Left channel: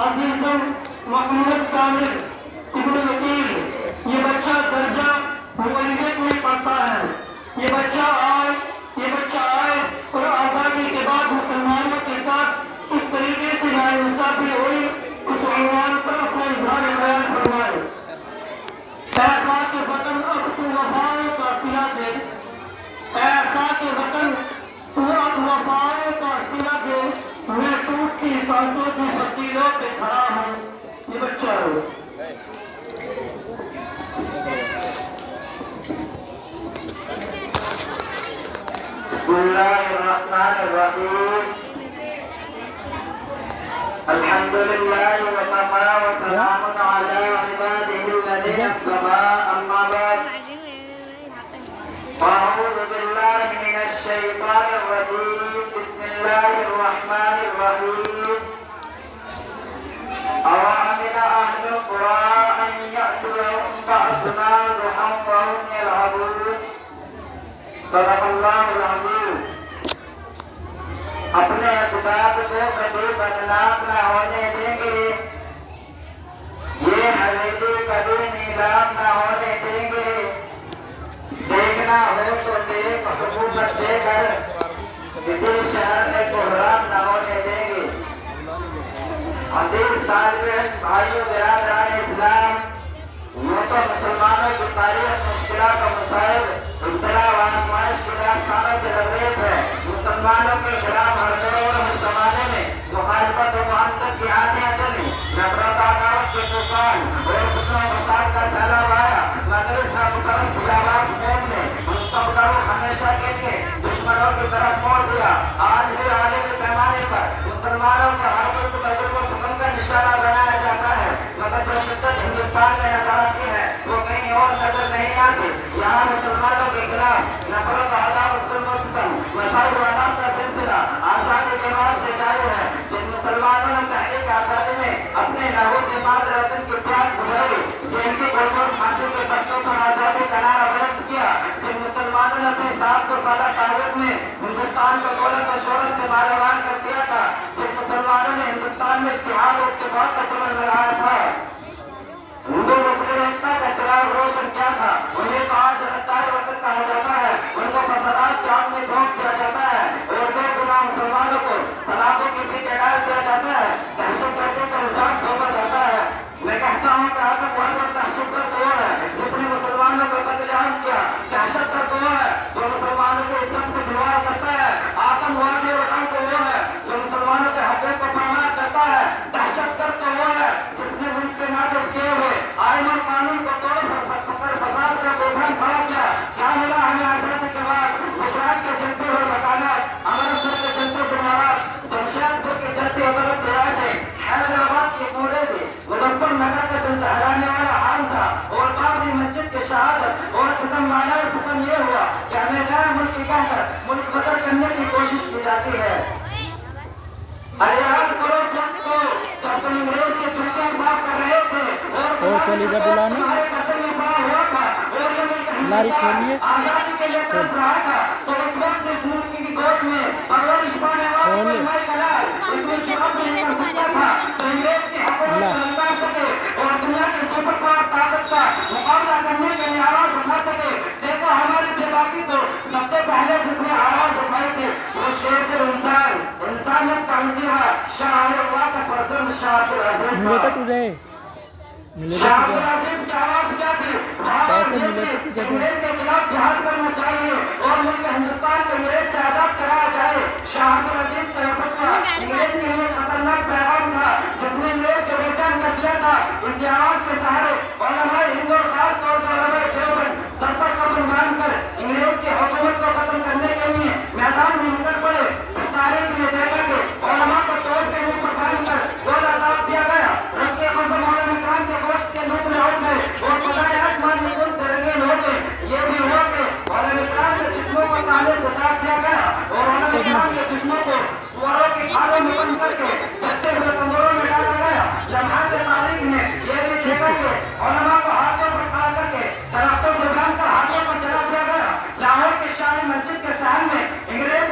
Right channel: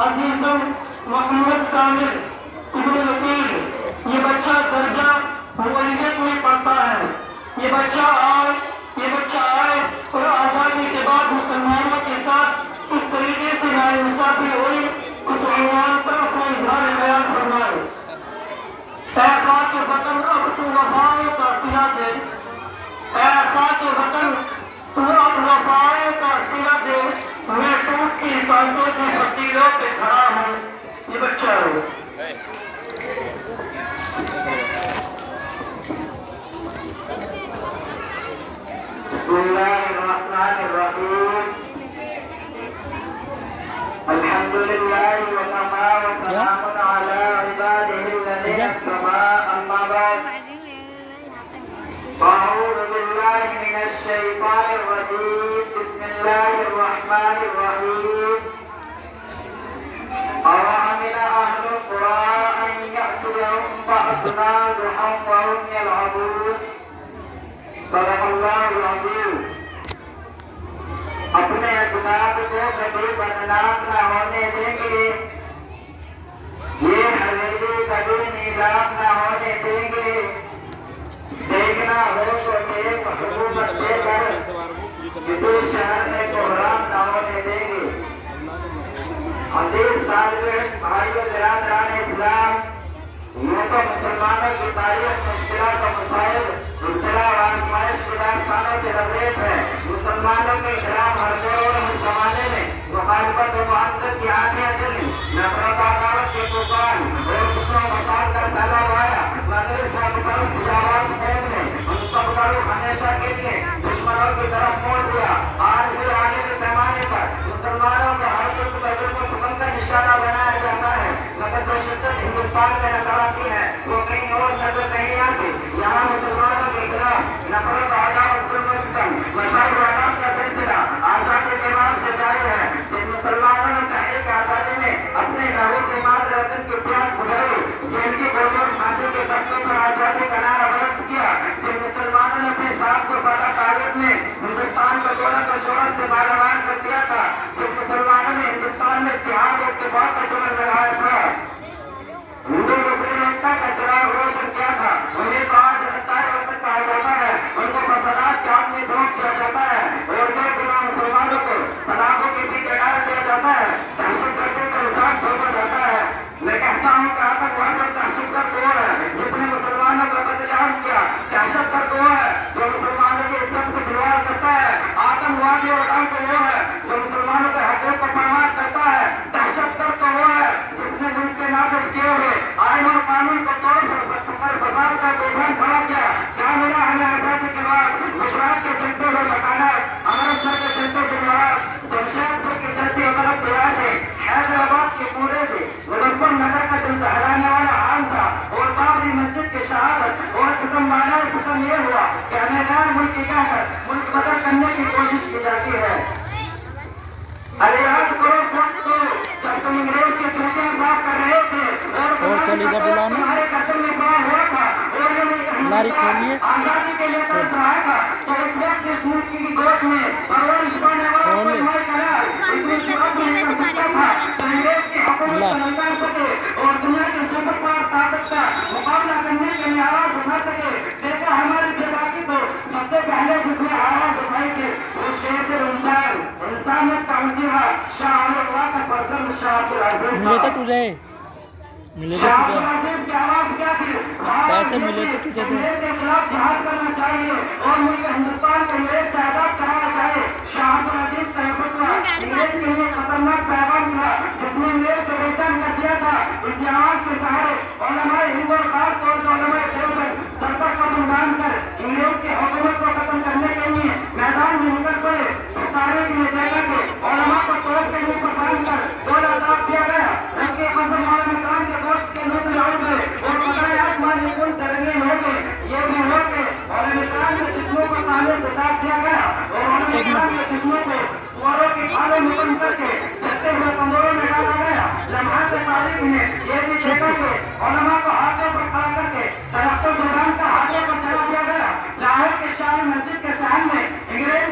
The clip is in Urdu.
عزیزم محمد کامل ابن وکیل، یہ بچہ درجہ مولویت میں پڑھتا ہے۔ یہ بچہ آئے اور آزادی کے بعد مسلمانوں کے ساتھ اس طریقے سے ناانصافی ہوئی، اس عنوان پر اپنا اظہار خیال فرمائے۔ اے خاک وطن اب تو وفاؤں کا صلہ دے، اے خاک وطن تو اب وفاؤں کا صلہ دے، میں ٹوٹتی سانسوں کی فصیلوں پہ کھڑا ہوں۔ یہ بچہ ہے۔ بسم اللہ الرحمن الرحیم، الحمد للہ وکفی وسلام علی عبادہ الذین اصطفی، اما بعد اعوذ باللہ من الشیطان الرجیم، بسم اللہ الرحمن الرحیم، أَوَأَمِنَ أَهْلُ الْقُرَىٰ أَن يَأْتِيَهُم بَأْسُنَا ضُحًى وَهُمْ يَلْعَبُونَ۔ صدق اللہ العظیم۔ اپنے اقدار کو کبھی بدنام نہ ہونے دیں گے، یہ حویلی کبھی نیلام نہ ہونے دیں گے، دیکھنا ہو تو دیکھ حکومت دے کر کسی شہر میں بحران نہ ہونے دیں گے۔ عزیز طالب علم بھائیو برادران اسلام، یوں تو مسلمانوں کی تاریخ مشکلات و مسائل، ابتلا و آزمائش کی داستانوں سے لبریز ہے۔ مسلمانوں کے خلاف ہر دور اور ہر زمانے میں مخالفت و معاندت کی آندیاں چلی، نفرت و عداوت کے طوفان اور فتنہ و فساد کا سیلاب آیا، مگر اسلام پرست کی آواز قوم نے ان سب کا رخ ہمیشہ کے لیے دشمنوں کی طرف موڑ دیا۔ آج بھی عالمی پیمانے پر مسلمانوں کے ہر ملک تجربہ و سفر کا نشانہ بنایا جاتا ہے، مگر جو شدت ہندوستان میں نظر آتی ہے وہ کہیں اور نظر نہیں آتی۔ یہاں مسلمانوں کے خلاف نفرت و عداوت، ظلم و ستم، مسائل و عذاب کا سلسلہ آزادی کے بعد سے جاری ہے۔ جن مسلمانوں نے تحریک آزادی میں اپنے لہو سے مال رتن کی پیاس بجھائی، جن کی گلبن پھانسی کے پتوں پر آزادی کا نعرہ بلند کیا، جن مسلمانوں نے اپنے 700 سالہ تاریخ میں ہندوستان کو دولت و شہرت سے مالامال کر دیا تھا، جن مسلمانوں نے ہندوستان میں اتحاد و اتفاق کا چمن بنایا تھا، ہندو مسلم ایکتا کا چراغ روشن کیا تھا، انہیں تو آج غدار وطن کہا جاتا ہے، ان کو فسادات کے آگ میں جھونک دیا جاتا ہے اور بے گناہ مسلمانوں کو سلاخوں کے پیچھے ڈال دیا جاتا ہے، دہشت گردی کا الزام تھوپا جاتا ہے۔ میں کہتا ہوں کہ آتنکواد اور دہشت گرد وہ ہے جس نے مسلمانوں کا قتل عام کیا، دہشت گرد وہ ہے جو مسلمانوں کے عزت سے کھلواڑ کرتا ہے، آتنکوادی اور ڈاکو وہ ہے جو مسلمانوں کے حقوق کو پامال کرتا ہے، دہشت گرد تو وہ ہے جس نے ملک کے نافذ کیے ہوئے آئین اور قانون کو توڑ کر فساد کا طوفان کھڑا کیا۔ کیا ملا ہمیں آزادی کے بعد؟ گجرات کے چلتے ہوئے مکانات، امرتسر کے چلتے جمارات، جمشید پور کے چلتے اطرف تلاشیں، حیدرآباد کے پورے سے مظفر نگر کا دل دہلانے والا عام تھا، اور بابری مسجد کی شہادت اور ستم والا ستم یہ ہوا کہ ہمیں غیر ملکی کہہ کر ملک بدل کرنے کی کوشش کی جاتی ہے۔ ارے یاد کرو اس وقت کو جب تم انگریز کے چوکیاں صاف کر رہے تھے اور تمہارے قدم میں پڑا ہوا تھا اور یہ ملک ہندوستان آزادی کے لیے ترس رہا تھا، تو اس وقت اس ملک کی گود میں پرورش پانے والا کوئی مائی کلال اتنی جرأت نہیں کر سکتا تھا جو انگریز کی حکومت کو نکال سکے اور دنیا کی سپر پاور طاقت کا مقابلہ کرنے کے لیے آواز اٹھا سکے۔ دیکھا ہماری بے باکی کو سب سے پہلے جس نے آواز اٹھائی تھی وہ شیر انسان، انسانیت کا مسیحا شاہ اللہ کا فرزند شاہ عبدالعزیز ملے تو تجھے شاہ عبدالعزیز کی آواز کیا تھی؟ پیسے ملے تو تجھے انگریز کے خلاف جہاد کرنا چاہیے اور ملک ہندوستان کو انگریز سے آزاد کرایا جائے۔ شاہ عبدالعزیز کا یہ فتویٰ انگریز کے لیے خطرناک پیغام تھا جس نے انگریز کو بے چین کر دیا تھا۔ اسی آواز کے سہارے علماء ہند اور خاص طور سے علماء دیوبند سر پر کفن باندھ کر انگریز کی حکومت کو ختم کرنے کے لیے میدان میں نکل پڑے۔ تاریخ میں دیکھا کہ علماء کو توپ کے منہ پر باندھ کر گول عذاب دیا گیا، رب کے قسم علماء کرام کے گوشت کے منہ سے اڑ گئے اور خدائے آسمان میں دل سے رنگین ہو گئے۔ یہ بھی ہوا کہ علماء کرام کے جسموں کو تانے سے کاٹ دیا گیا اور علماء کرام کے جسموں کو سواروں کی کھالوں میں بند کر کے چلتے ہوئے کمروں میں ڈالا گیا۔ جماعت تاریخ نے یہ بھی دیکھا کہ علماء کو ہاتھوں پر کھڑا کر کے درختوں سے باندھ کر ہاتھوں کو چلا دیا گیا۔ لاہور کے شاہی مسجد کے صحن میں انگریز